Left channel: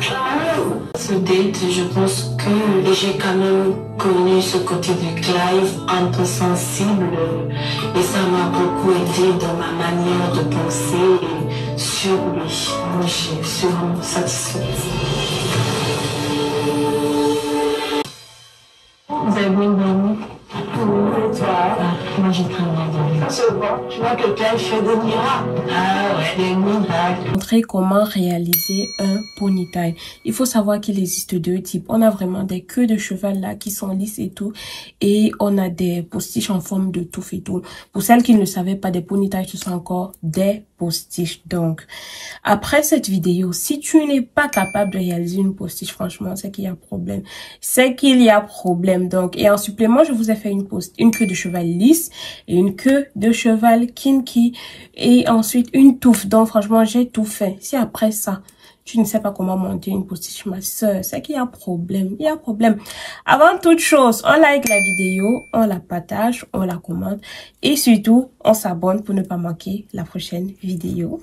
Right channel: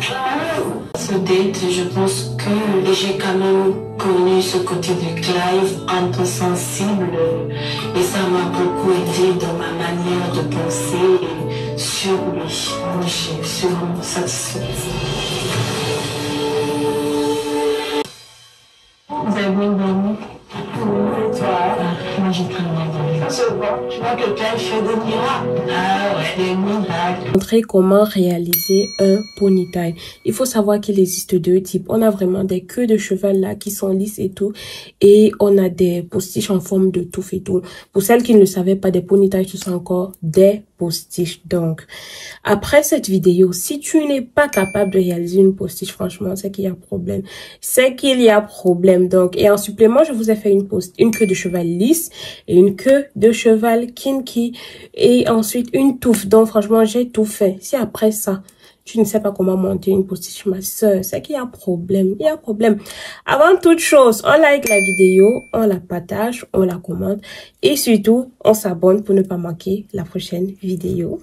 Ce date, je pense que j'ai quand même connu ce côté de Clive un peu sensible et ça m'a beaucoup aidé dans ma manière de penser sur lui. Moi, je suis vraiment satisfaite. Vous avez bien dormi? Oui, et toi? Moi, j'ai très bien dormi. C'est bon, tu vois que Clive fait des miracles. Ah ouais, des miracles. Montrer comment réaliser un ponytail. Il faut savoir qu'il existe deux types. On a vraiment des queues de cheval là qui sont lisses et tout. Et on a des postiches en forme de touffe et tout. Pour celles qui ne le savaient pas, des ponytails, ce sont encore des postiches. Donc, après cette vidéo, si tu n'es pas capable de réaliser une postiche, franchement, c'est qu'il y a problème. C'est qu'il y a problème. Donc, et en supplément, je vous ai fait une queue de cheval lisse et une queue de cheval kinky et ensuite une touffe. Donc, franchement, j'ai tout fait. Si après ça, tu ne sais pas comment monter une postiche, ma soeur, c'est qu'il y a problème. Il y a problème. Avant toute chose, on like la vidéo, on la partage, on la commente et surtout, on s'abonne pour ne pas manquer la prochaine vidéo.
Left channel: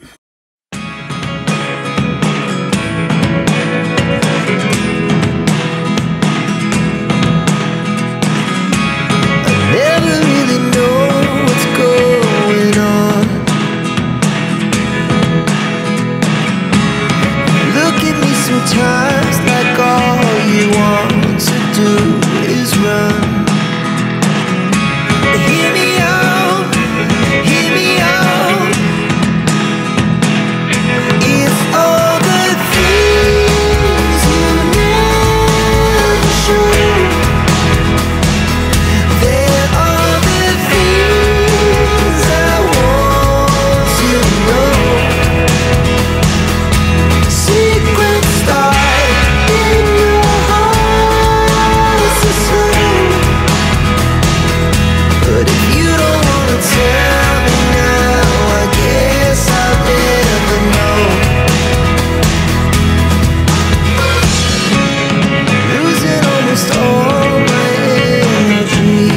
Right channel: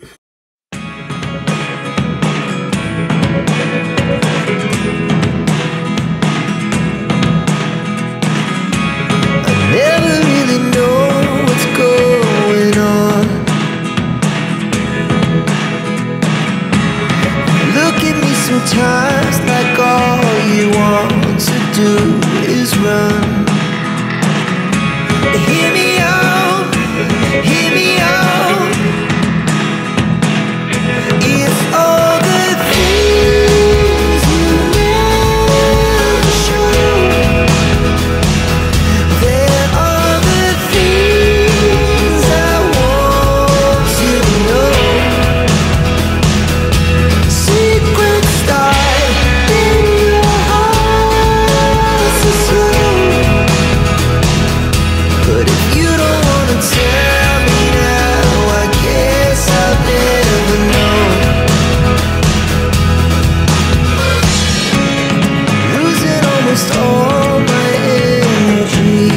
Never really know what's going on. Look at me sometimes like all you want to do is run. Hear me out, hear me out. If all the things you never show, there are the things I want to know. Secrets start in your heart so slow. But if you don't wanna tell me now, I guess I'll never know. Losing almost all my energy.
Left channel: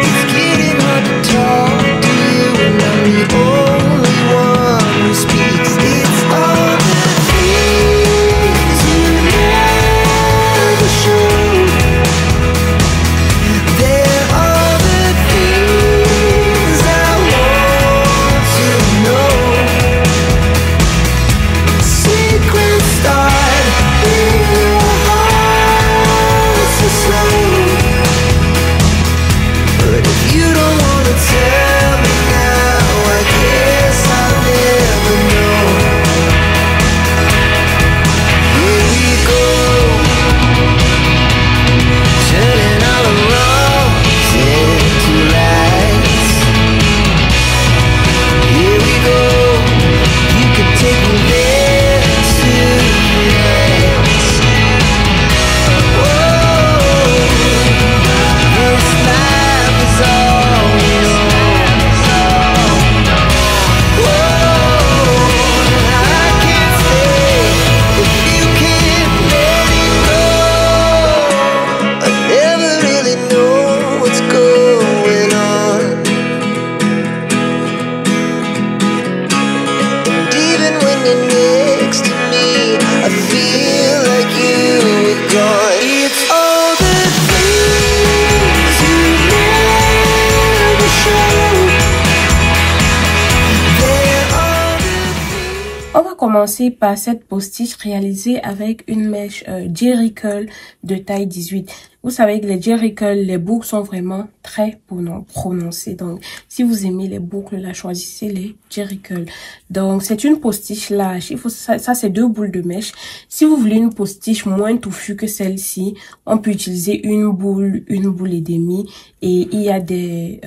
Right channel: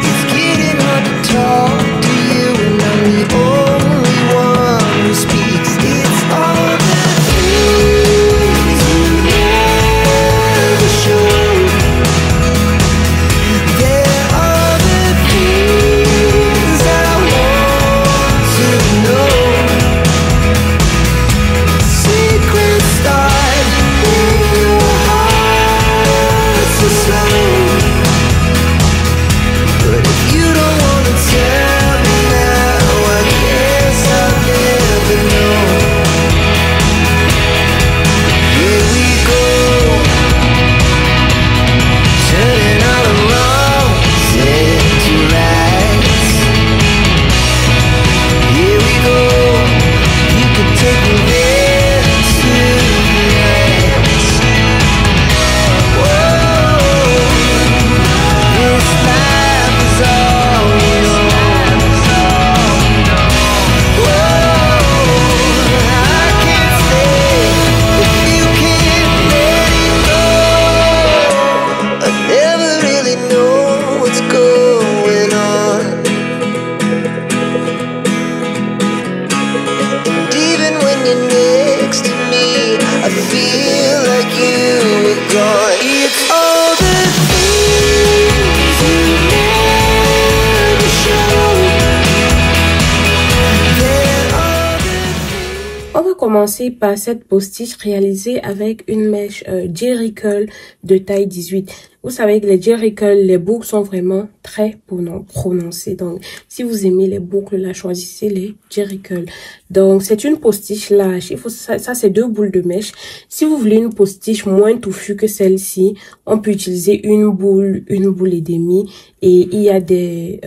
It's getting hard to talk to you, and I'm the only one who speaks. It's all the things you never show. There are the things I want to know. Secrets start in your heart so slow. But if you don't wanna tell me now, I guess I'll never know. Here we go, turning all the wrongs into rights. Here we go, you can take me there tonight. Whoa, this life is all we know. Whoa, I can't stay if you can't let it go. I never really know what's going on. And even when you're next to me, I feel like you were gone. It's all the things you never show. There are the things. On va commencer par cette postiche réalisée avec une mèche Jerry Curl de taille 18. Vous savez que les Jerry Curl, les boucles sont vraiment très prononcées. Donc, si vous aimez les boucles, là, choisissez les Jerry Curl. Donc, c'est une postiche lâche. Il faut ça c'est 2 boules de mèche. Si vous voulez une postiche moins touffue que celle-ci, on peut utiliser une boule et demie. Et il y a des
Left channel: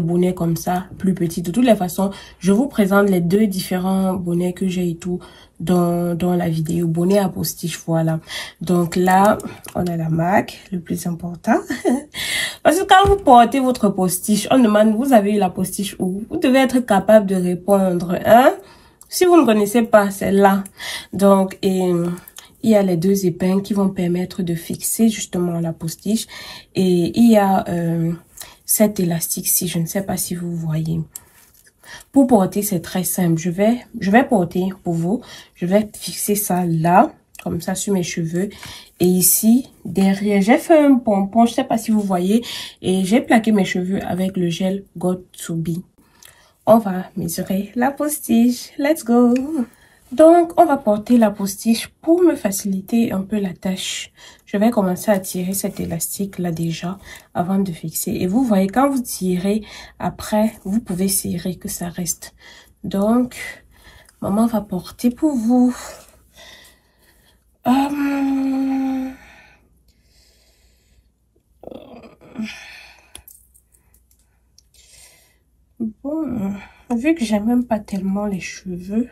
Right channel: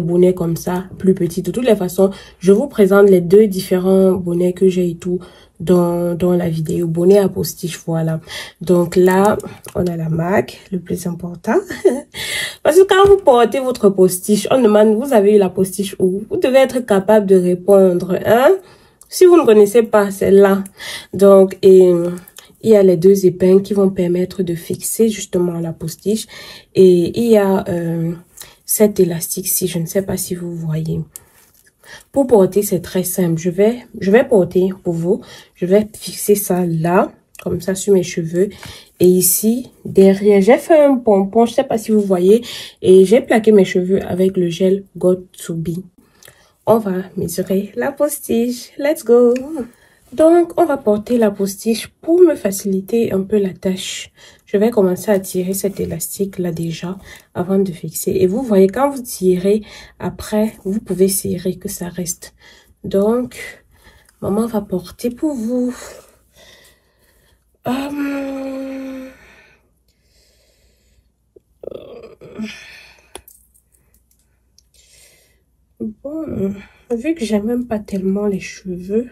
bonnets comme ça, plus petits. De toutes les façons, je vous présente les 2 différents bonnets que j'ai et tout dans la vidéo. Bonnet à postiche, voilà. Donc là, on a la marque, le plus important. Parce que quand vous portez votre postiche, on demande, vous avez eu la postiche où? Vous devez être capable de répondre, hein? Si vous ne connaissez pas, c'est là. Donc, il y a les 2 épingles qui vont permettre de fixer justement la postiche. Et il y a cet élastique-ci, je ne sais pas si vous voyez. Pour porter, c'est très simple. Je vais porter pour vous. Je vais fixer ça là, comme ça sur mes cheveux. Et ici, derrière, j'ai fait un pompon, je sais pas si vous voyez. Et j'ai plaqué mes cheveux avec le gel Got2b. On va mesurer la postiche. Let's go! Donc, on va porter la postiche pour me faciliter un peu la tâche. Je vais commencer à tirer cet élastique là déjà avant de fixer. Et vous voyez, quand vous tirez, après, vous pouvez serrer que ça reste. Donc, maman va porter pour vous. Bon, vu que j'aime même pas tellement les cheveux,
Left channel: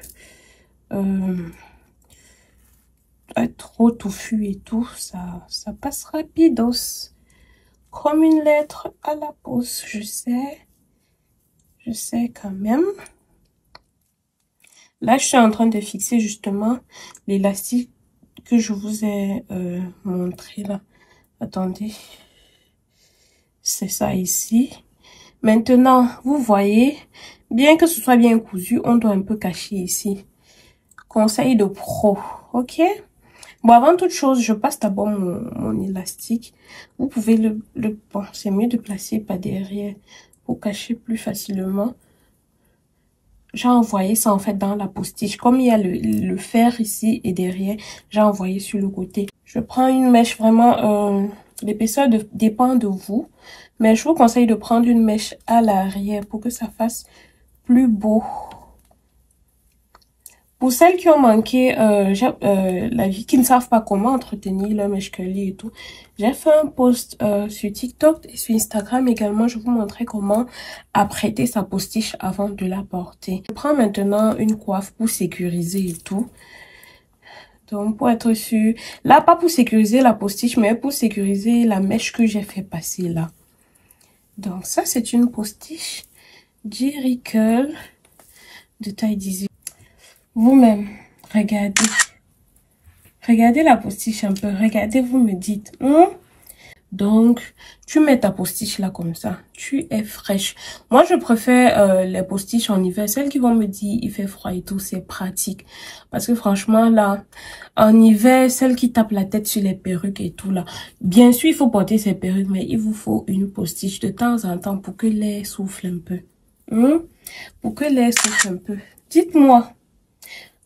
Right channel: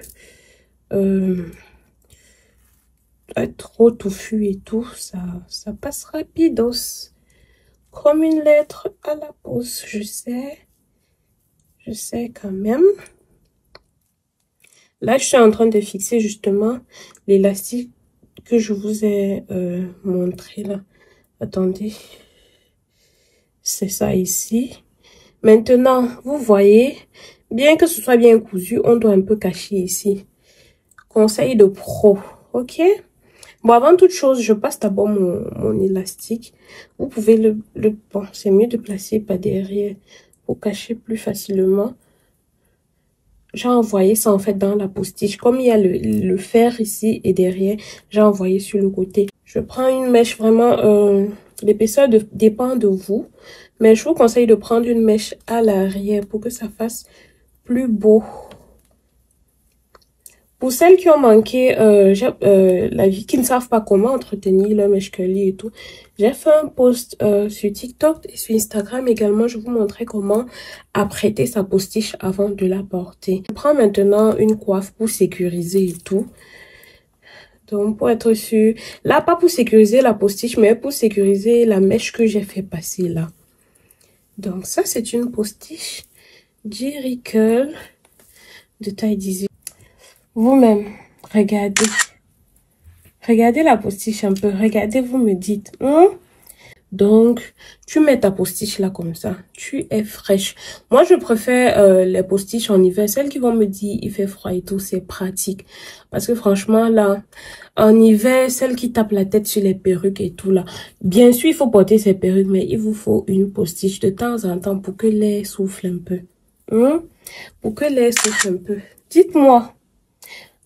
trop touffu et tout, ça passe rapidos. Comme une lettre à la poste, je sais quand même. Là, je suis en train de fixer justement l'élastique que je vous ai montré là. Attendez. C'est ça ici. Maintenant, vous voyez, bien que ce soit bien cousu, on doit un peu cacher ici. Conseil de pro, ok? Bon, avant toute chose, je passe d'abord mon élastique. Vous pouvez bon, c'est mieux de placer par derrière pour cacher plus facilement. J'ai envoyé ça en fait dans la postiche. Comme il y a le fer ici et derrière, j'ai envoyé sur le côté. Je prends une mèche vraiment, l'épaisseur dépend de vous. Mais je vous conseille de prendre une mèche à l'arrière pour que ça fasse plus beau. Pour celles qui ont manqué la vie, qui ne savent pas comment entretenir leur mèche curly et tout, j'ai fait un post sur TikTok et sur Instagram également. Je vous montrais comment apprêter sa postiche avant de la porter. Je prends maintenant une coiffe pour sécuriser et tout. Donc pour être sûr, là pas pour sécuriser la postiche, mais pour sécuriser la mèche que j'ai fait passer là. Donc ça c'est une postiche Jerry Curl de taille 18. Vous-même, regardez. Regardez la postiche un peu. Regardez, vous me dites. Donc, tu mets ta postiche là comme ça. Tu es fraîche. Moi, je préfère les postiches en hiver. Celles qui vont me dire il fait froid et tout, c'est pratique. Parce que franchement, là, en hiver, celles qui tapent la tête sur les perruques et tout là. Bien sûr, il faut porter ces perruques, mais il vous faut une postiche de temps en temps pour que l'air souffle un peu. Pour que l'air souffle un peu. Dites-moi.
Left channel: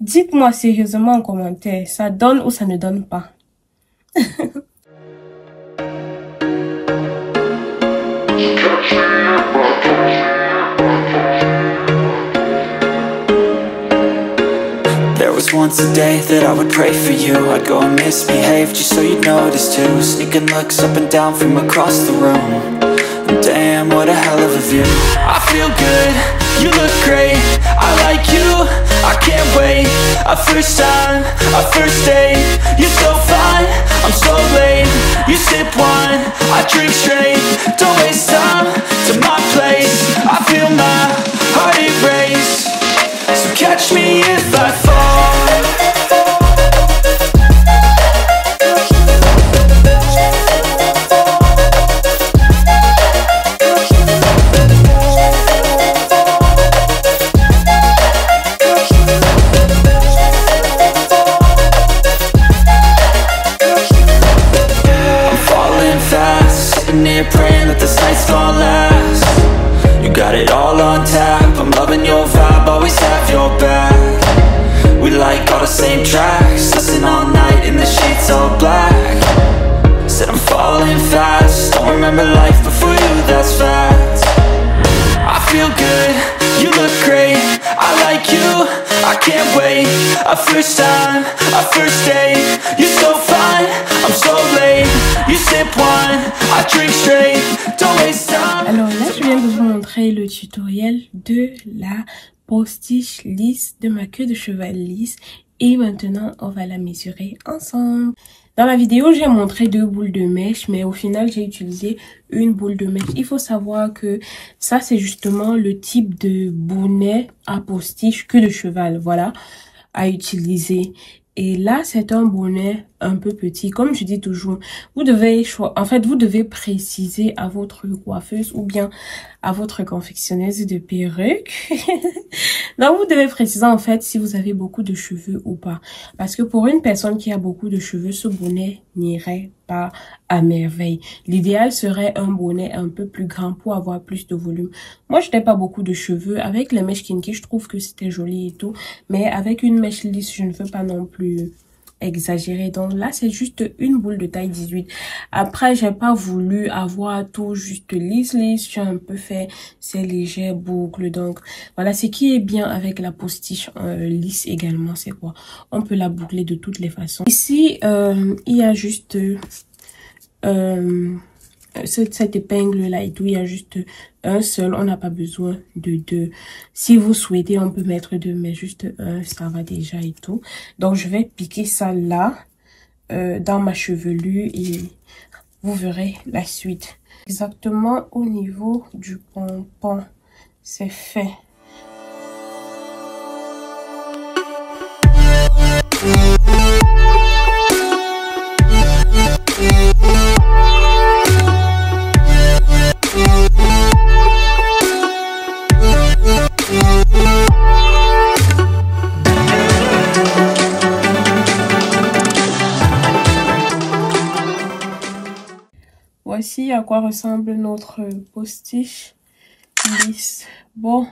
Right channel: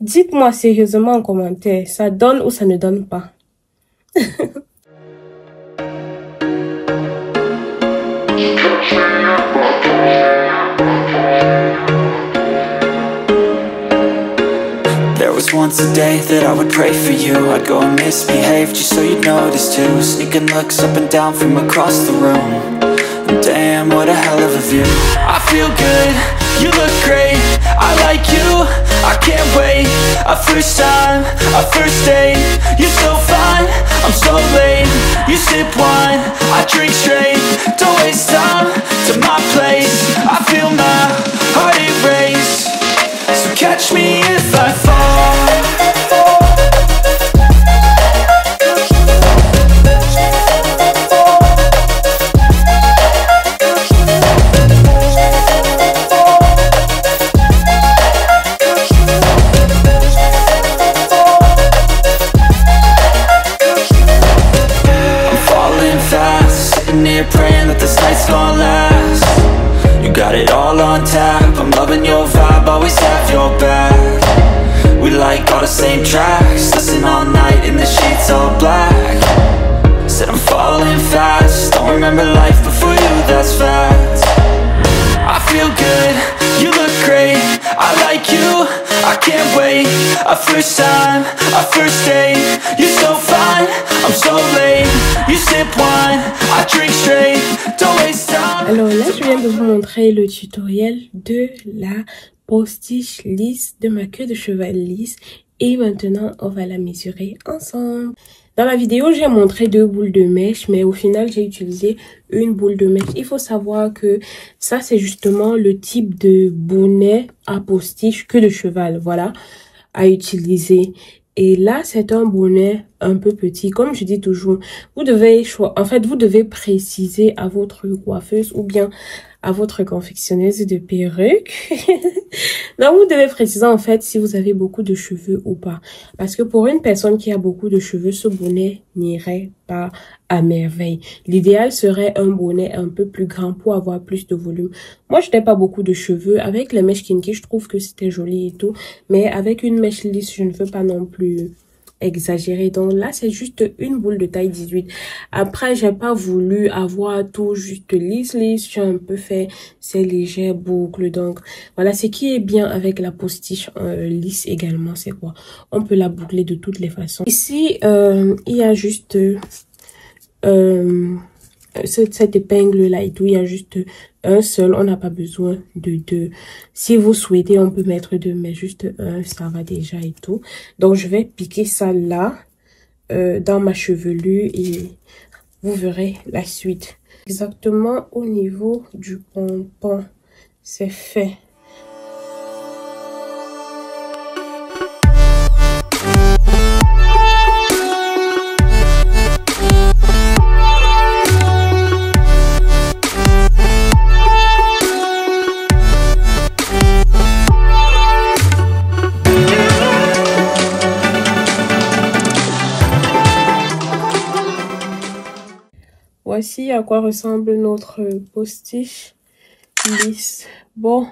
Dites-moi sérieusement en commentaire, ça donne ou ça ne donne pas? There was once a day that I would pray for you. I'd go and misbehave just so you'd notice too. Sneaking looks up and down from across the room. And damn, what a hell of a view. I feel good, you look great, I like you, I can't wait. A first time, a first date, you're so fine, I'm so late. You sip wine, I drink straight, don't waste time to my place. I feel my heart erase, so catch me if I fall. Praying that this night's gonna last. You got it all on tap, I'm loving your vibe, always have your back. We like all the same tracks, listen all night in the sheets all black. Said I'm falling fast, don't remember life before you, that's fact. I feel good, you look great, I like you, I can't wait. A first time, a first date, you're so fine, I'm so late. You sip wine, I drink straight, don't waste time. Alors là, je viens de vous montrer le tutoriel de la postiche lisse, de ma queue de cheval lisse. Et maintenant, on va la mesurer ensemble. Dans la vidéo, j'ai montré 2 boules de mèche, mais au final, j'ai utilisé une boule de mèche. Il faut savoir que ça, c'est justement le type de bonnet à postiche queue de cheval, voilà, à utiliser. Et là, c'est un bonnet un peu petit. Comme je dis toujours, vous devez vous devez préciser à votre coiffeuse ou bien à votre confectionneuse de perruques. Donc, vous devez préciser en fait si vous avez beaucoup de cheveux ou pas. Parce que pour une personne qui a beaucoup de cheveux, ce bonnet n'irait pas à merveille. L'idéal serait un bonnet un peu plus grand pour avoir plus de volume. Moi, je n'ai pas beaucoup de cheveux. Avec les mèches kinky, je trouve que c'était joli et tout. Mais avec une mèche lisse, je ne veux pas non plus exagéré. Donc là, c'est juste une boule de taille 18. Après, j'ai pas voulu avoir tout juste lisse. J'ai un peu fait ces légères boucles. Donc voilà, ce qui est bien avec la postiche lisse également, c'est quoi? On peut la boucler de toutes les façons. Ici, il y a juste cette épingle là et tout, il y a juste un seul, on n'a pas besoin de deux. Si vous souhaitez, on peut mettre deux, mais juste un, ça va déjà et tout. Donc je vais piquer ça là dans ma chevelure et vous verrez la suite. Exactement au niveau du pompon, c'est fait. Voici à quoi ressemble notre postiche lisse. Bon,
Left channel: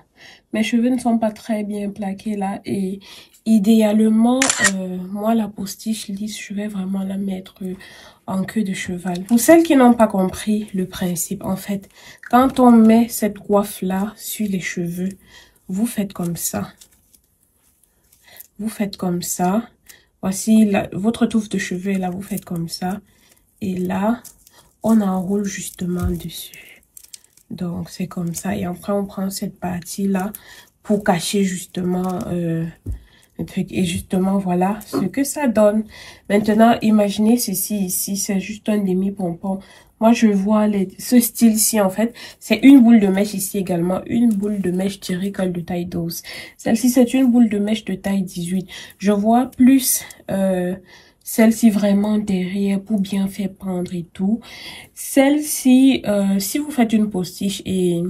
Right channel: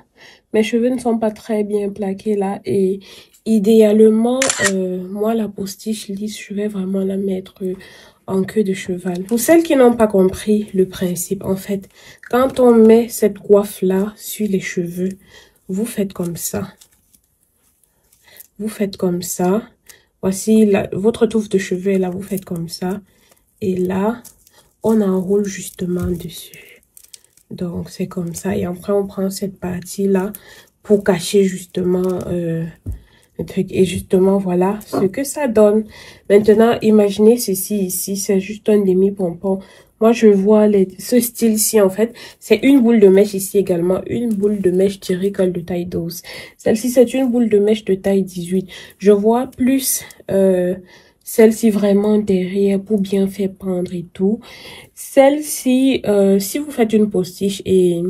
mes cheveux ne sont pas très bien plaqués là et idéalement, moi la postiche lisse, je vais vraiment la mettre en queue de cheval. Pour celles qui n'ont pas compris le principe, en fait, quand on met cette coiffe là sur les cheveux, vous faites comme ça. Vous faites comme ça. Voici votre touffe de cheveux là, vous faites comme ça. Et là, on enroule justement dessus. Donc c'est comme ça. Et après on prend cette partie là pour cacher justement le truc. Et justement voilà ce que ça donne. Maintenant imaginez ceci ici. C'est juste un demi-pompon. Moi je vois ce style-ci en fait. C'est une boule de mèche ici également. Une boule de mèche Jerry curl de taille 12. Celle-ci c'est une boule de mèche de taille 18. Je vois plus... celle-ci vraiment derrière pour bien faire pendre et tout. Celle-ci, si vous faites une postiche et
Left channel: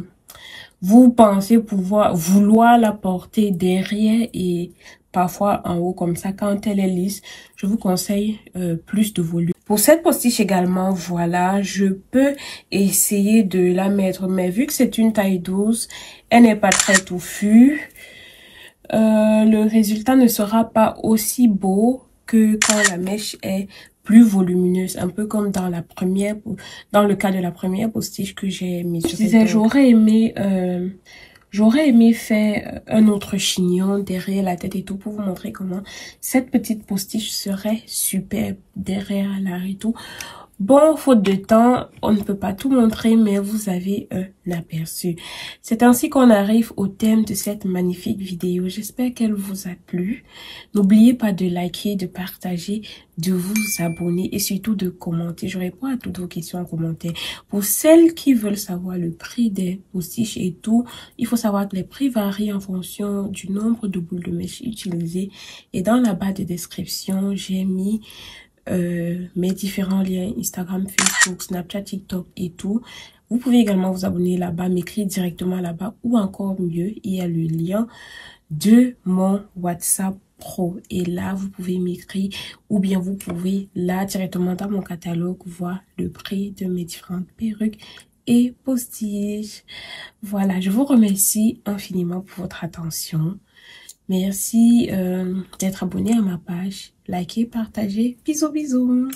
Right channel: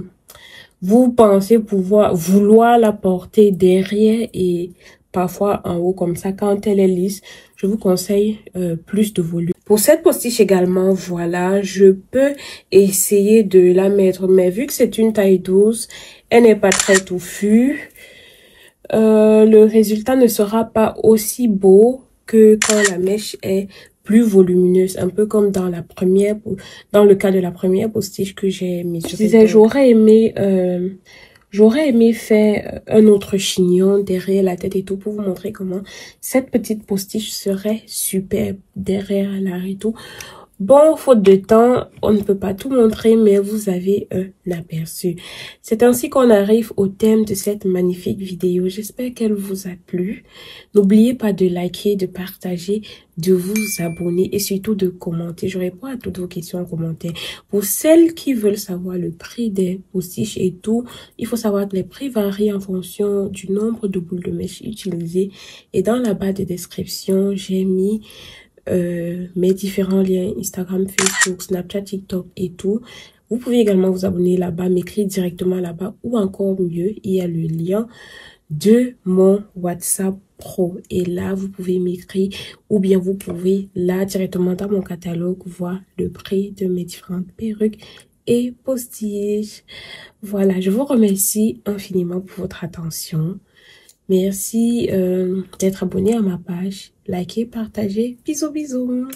vous pensez vouloir la porter derrière et parfois en haut comme ça, quand elle est lisse, je vous conseille plus de volume. Pour cette postiche également, voilà, je peux essayer de la mettre. Mais vu que c'est une taille 12, elle n'est pas très touffue. Le résultat ne sera pas aussi beau que quand la mèche est plus volumineuse, un peu comme dans le cas de la première postiche que j'ai mise. Je disais, j'aurais aimé faire un autre chignon derrière la tête et tout pour vous montrer comment cette petite postiche serait superbe derrière l'arrière et tout. Bon, faute de temps, on ne peut pas tout montrer, mais vous avez un aperçu. C'est ainsi qu'on arrive au thème de cette magnifique vidéo. J'espère qu'elle vous a plu. N'oubliez pas de liker, de partager, de vous abonner et surtout de commenter. Je réponds à toutes vos questions en commentaire. Pour celles qui veulent savoir le prix des postiches et tout, il faut savoir que les prix varient en fonction du nombre de boules de mèche utilisées. Et dans la barre de description, j'ai mis... mes différents liens Instagram, Facebook, Snapchat, TikTok et tout. Vous pouvez également vous abonner là-bas, m'écrire directement là-bas ou encore mieux, il y a le lien de mon WhatsApp Pro et là vous pouvez m'écrire ou bien vous pouvez là directement dans mon catalogue voir le prix de mes différentes perruques et postiches. Voilà, je vous remercie infiniment pour votre attention. Merci d'être abonné à ma page. Likez, partagez. Bisous, bisous.